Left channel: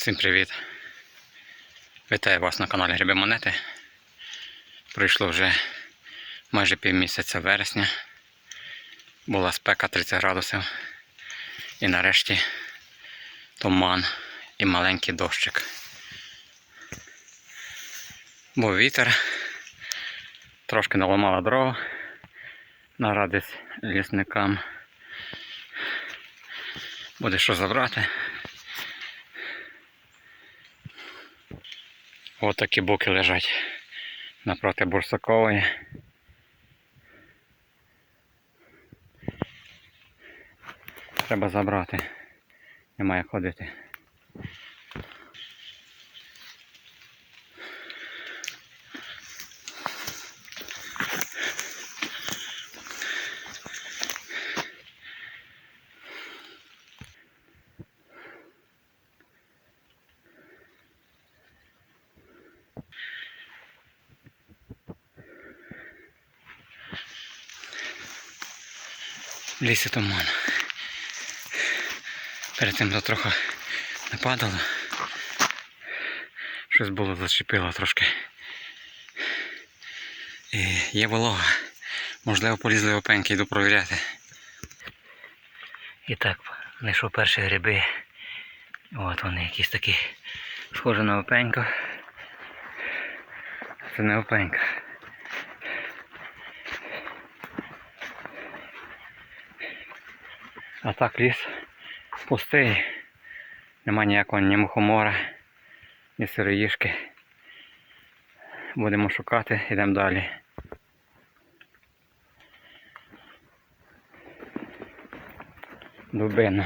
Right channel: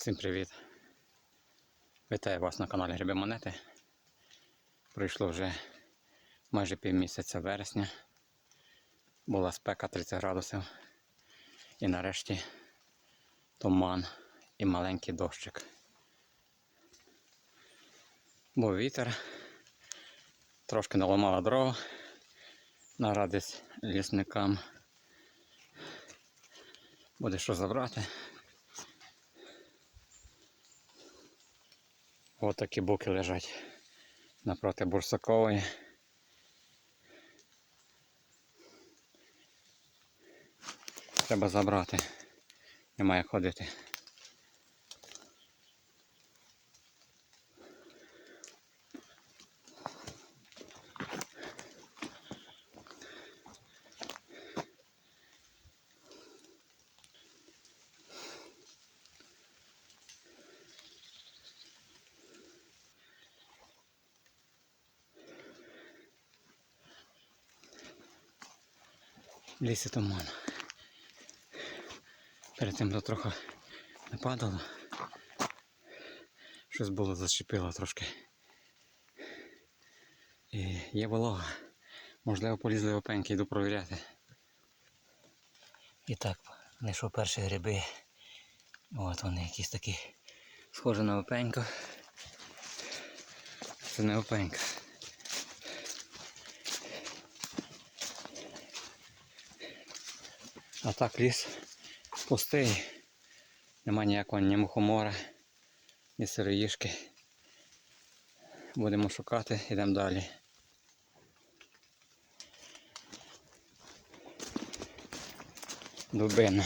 Всім привіт! Вітаю вас на каналі Гриби Монети. Пройшло вже майже півмісяця вересня. Була спека 30 градусів. І нарешті туман і маленький дощик. Був вітер, трошки наламала дрова на радість лісникам. Буде що забрати. Ось такі буки лежать напроти Бурсакової. Треба забрати. Немає ходити. Лісі туман. Перед тим то трохи не падало. Щось було зачепило трошки. І є волога. Можливо, полізли опеньки, йду провіряти. І так, знайшов перші гриби. От вони якісь такі схожі на опеньку. Це не опенька. А так ліс пустий. Нема ніякого ні мухомора, ні сироїшки. Будемо шукати, йдемо далі. Дубина.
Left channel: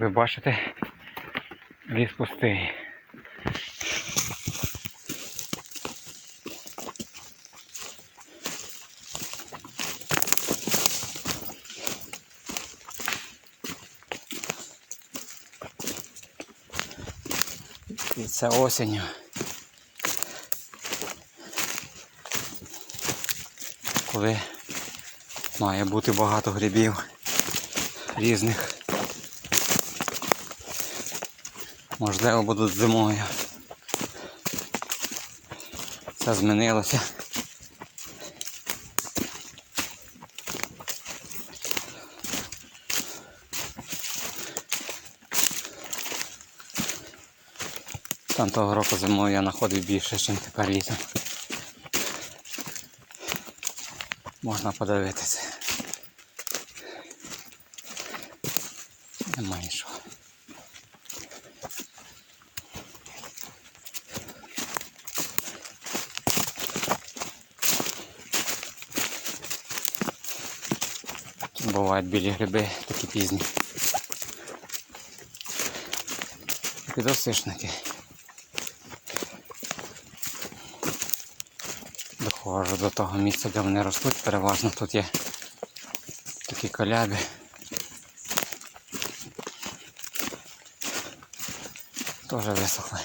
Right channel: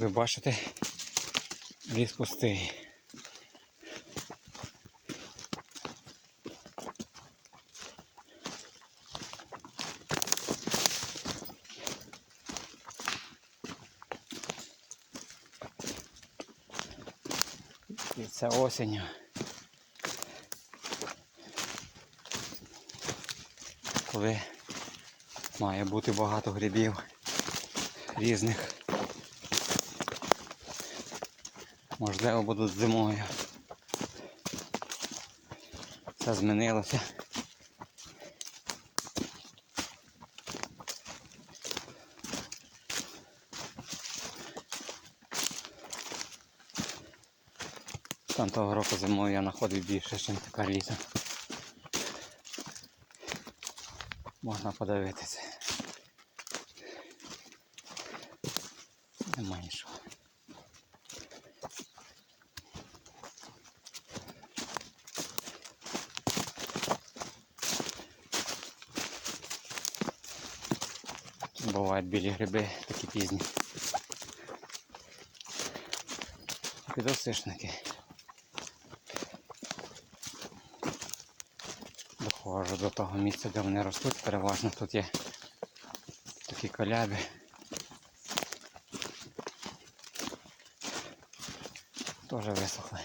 Ви бачите, ліс пустий. І це осінню. Коли має бути багато грибів різних. Можливо, будуть зимою. Все змінилося. Там того року зимою я знаходив більше, ніж тепер літом. Можна подивитися. Немає нічого. Бувають білі гриби, такі пізні. Підосишники. Доходжу до того місця, де вони ростуть, переважно тут є такі коляби. Теж висохли.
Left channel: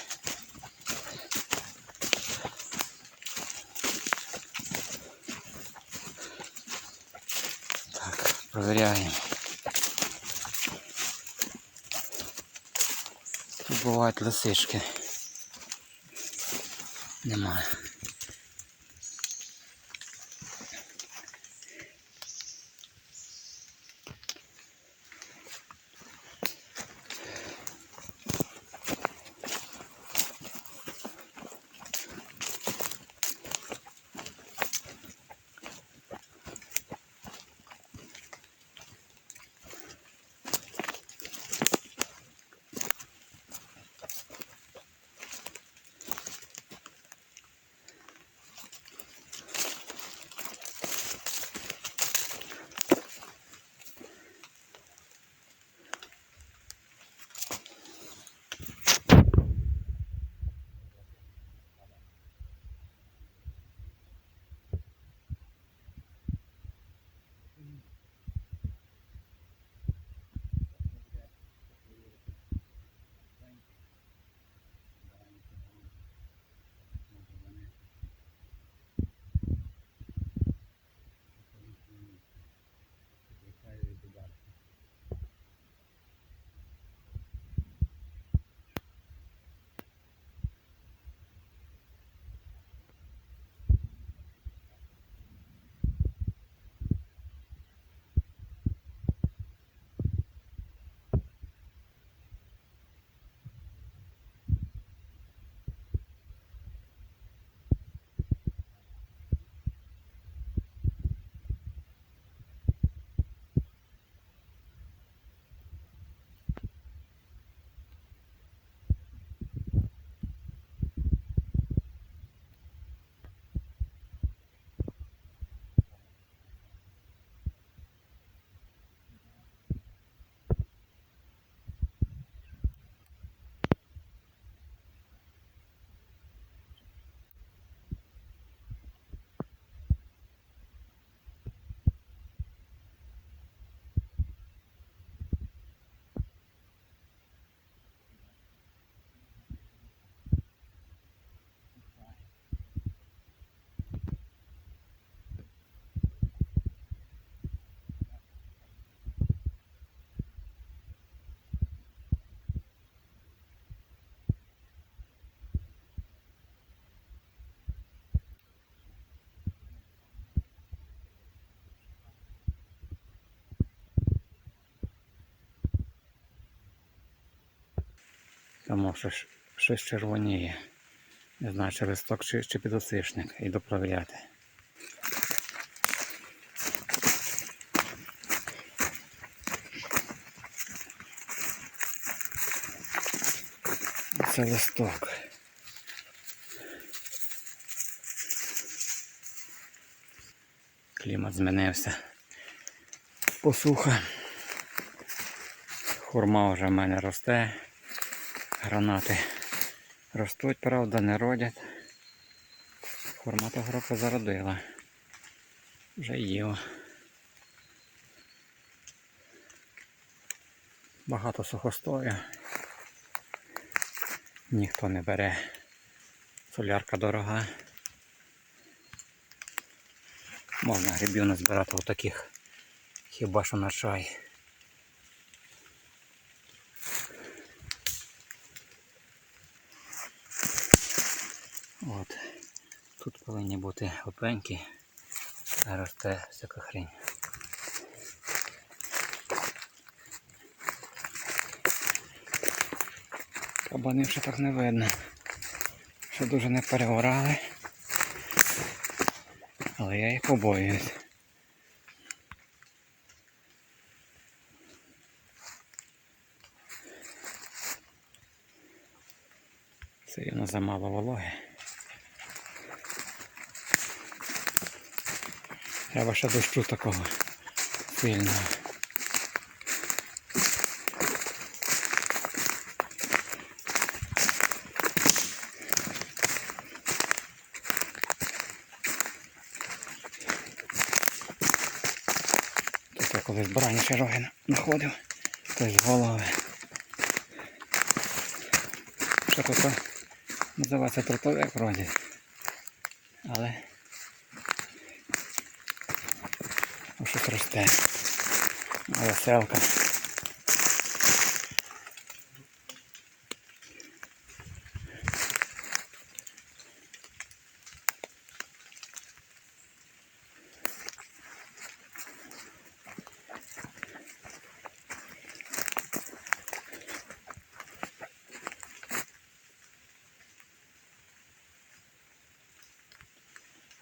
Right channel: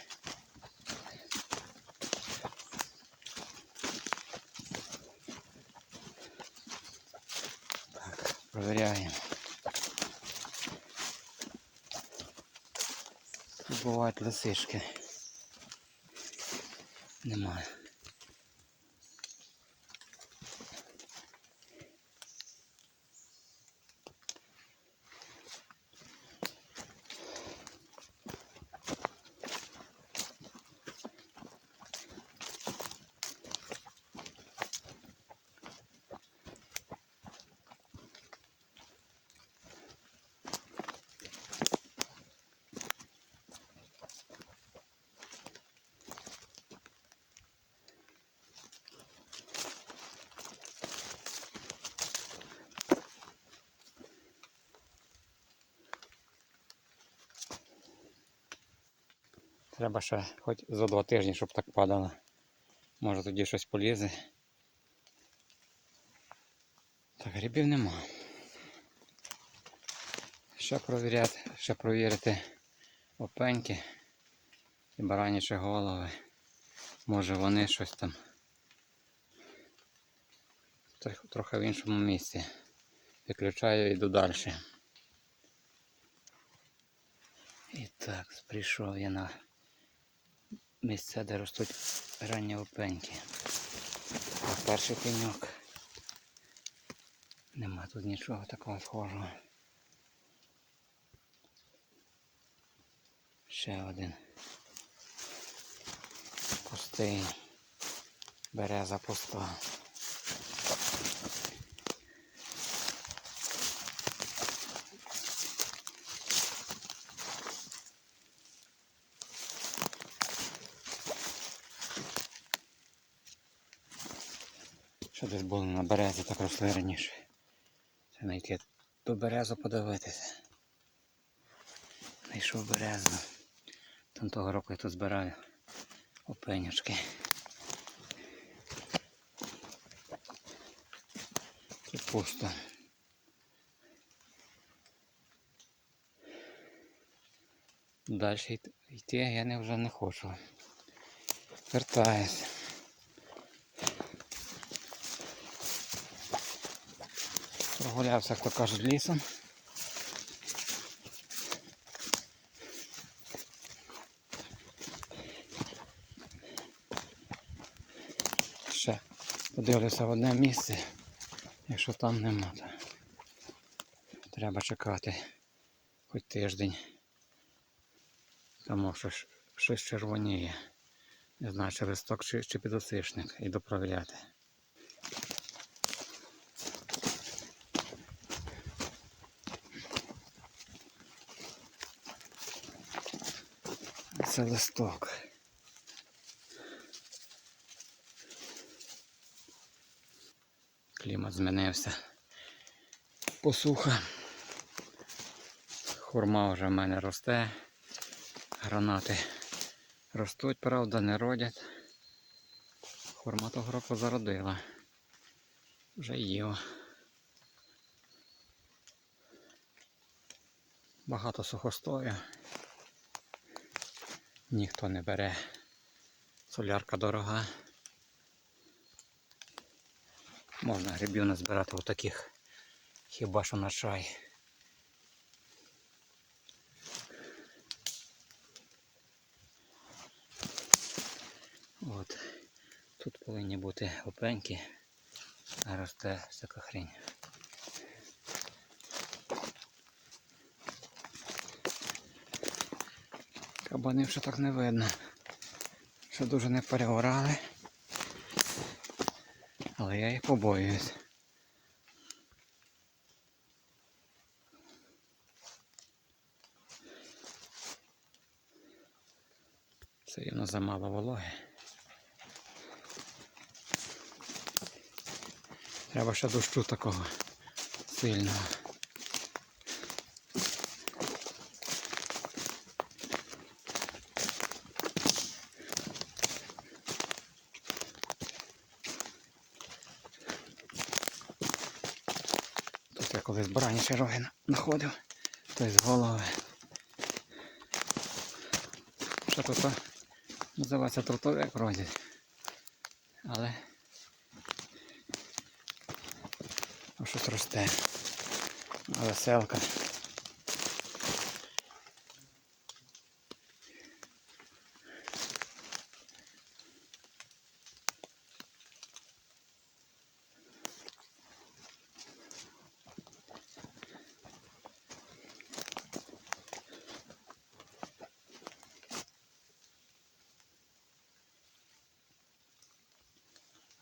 Провіряємо. Тут бувають лисички. Немає. Треба ще хоч за два тижні, щоб так падало. Може тоді щось полізе. Так грибів нема. Ще провіряти, ще провірити опеньки і баранячі голови. Може вони щось там трохи в іншому місці. Виключаю і йду далі. І так, прийшов я на місце, де ростуть ранні опеньки. Перший пеньок. Нема тут нічого такого схожого. Ще один. Пустий. Береза пуста. Що десь було на березі, так росли раніше. Це знайти ту березу подивитися. Знайшов березу. Там того року я тут збираю опенячки. Це пусто. Далі йти я не, вже не хочу. Вертаюсь. Прогулявся, як то кажуть, лісом. Ще подивлюся в одне місце. Якщо там нема, то треба чекати хоч тиждень. Тому що щось червоніє. Не знаю, чи листок чи, чи підосичник. Йду провіряти. Це листок. Клімат змінився. Посуха. Хурма вже в мене росте. Гранати ростуть, правда, не родять. Хурма того року зародила. Вже їла. Багато сухостою. Ніхто не бере. Солярка дорога. Можна грибів назбирати отаких. Хіба що на чай. От. Тут повинні бути опеньки, а росте всяка хрень. Кабанів ще так не видно. Що дуже не переорали. Але я їх побоююсь. Сильно замало вологи. Треба ще дощу такого сильного. Тут я раніше роги знаходив. Тобто голови. Що тут називається трутовик вроді. Але щось росте. Веселка.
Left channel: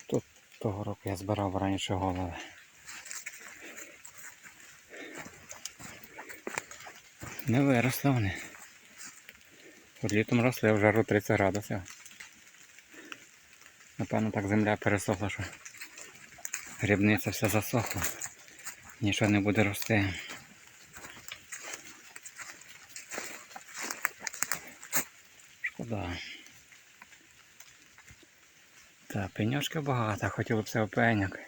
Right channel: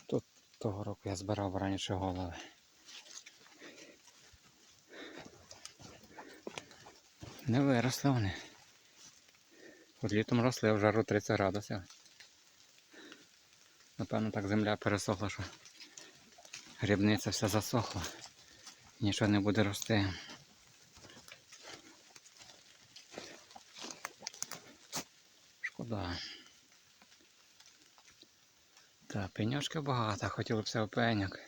Тут того року я збирав раніше голови. Не виросли вони. От літом росли в жару 30 градусів. Напевно так земля пересохла, що грибниця вся засохла. Нічого не буде рости. Шкода. Так, пеньочків багато, хотіло б все опеньок.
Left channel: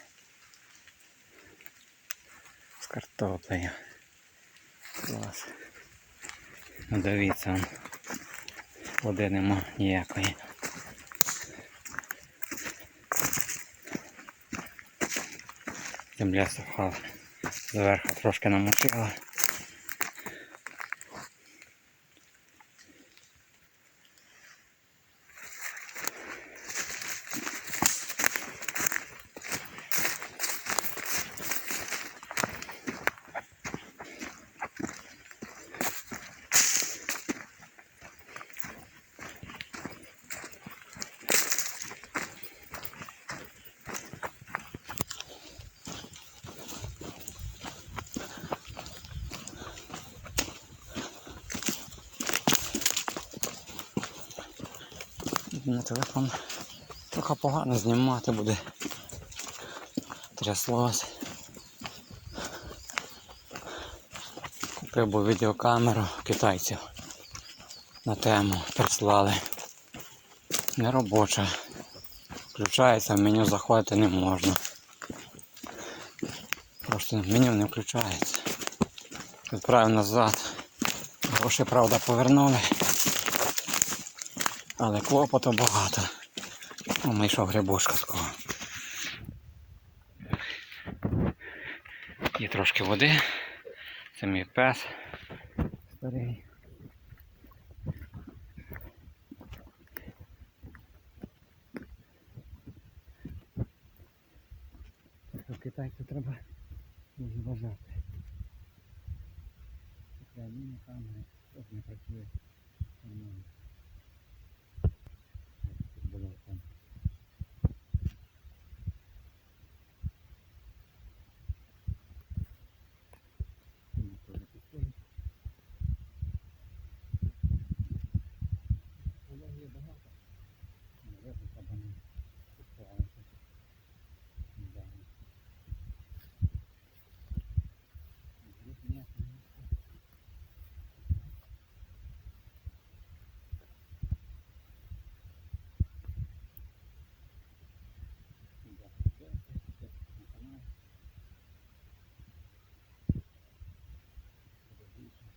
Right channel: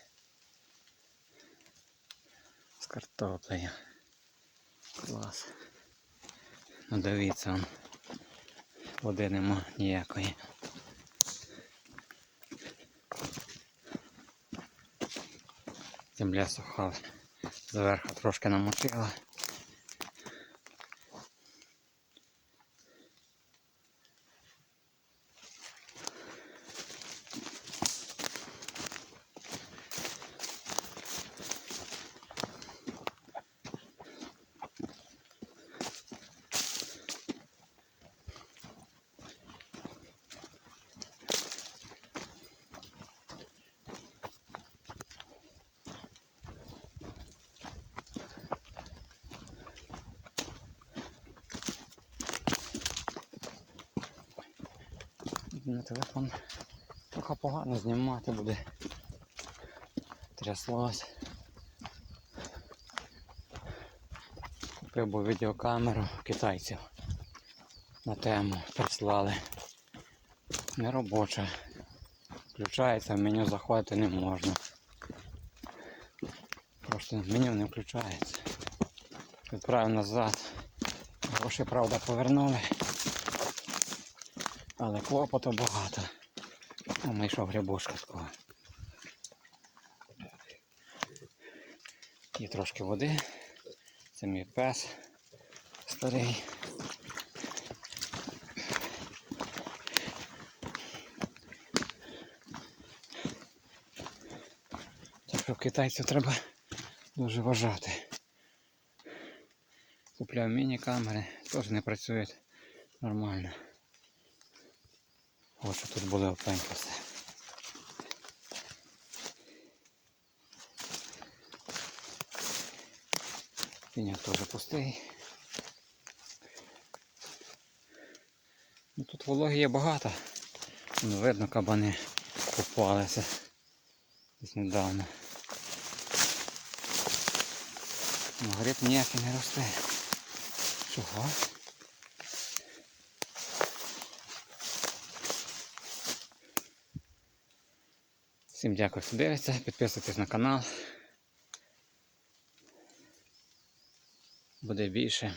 картоплею. Клас. Ну дивіться, он. води нема ніякої. Земля суха. Зверху трошки намочила. На телефон трохи погано знімати буде. Тряслось. Купив був відеокамеру китайців на тему прислали. Не робоча. Включається, в меню заходити не можна. Просто меню не включається. Відправив назад. Гроші, правда, повернули. Але клопоту багато. Знайшов грибочка такого. Є трошки води. Це мій пес старий. Так що в китайців треба дуже вважати. Купляв міні-камери, теж не працюють нормально. Ось тут буде опенько все. Пеняк теж пустий. Ну, тут вологи є багато. Ну, видно, кабани купалися недавно. Ну, гриб ніякий не росте. Чого? Всім дякую, що дивиться. Підписуйтесь на канал. Буде більше.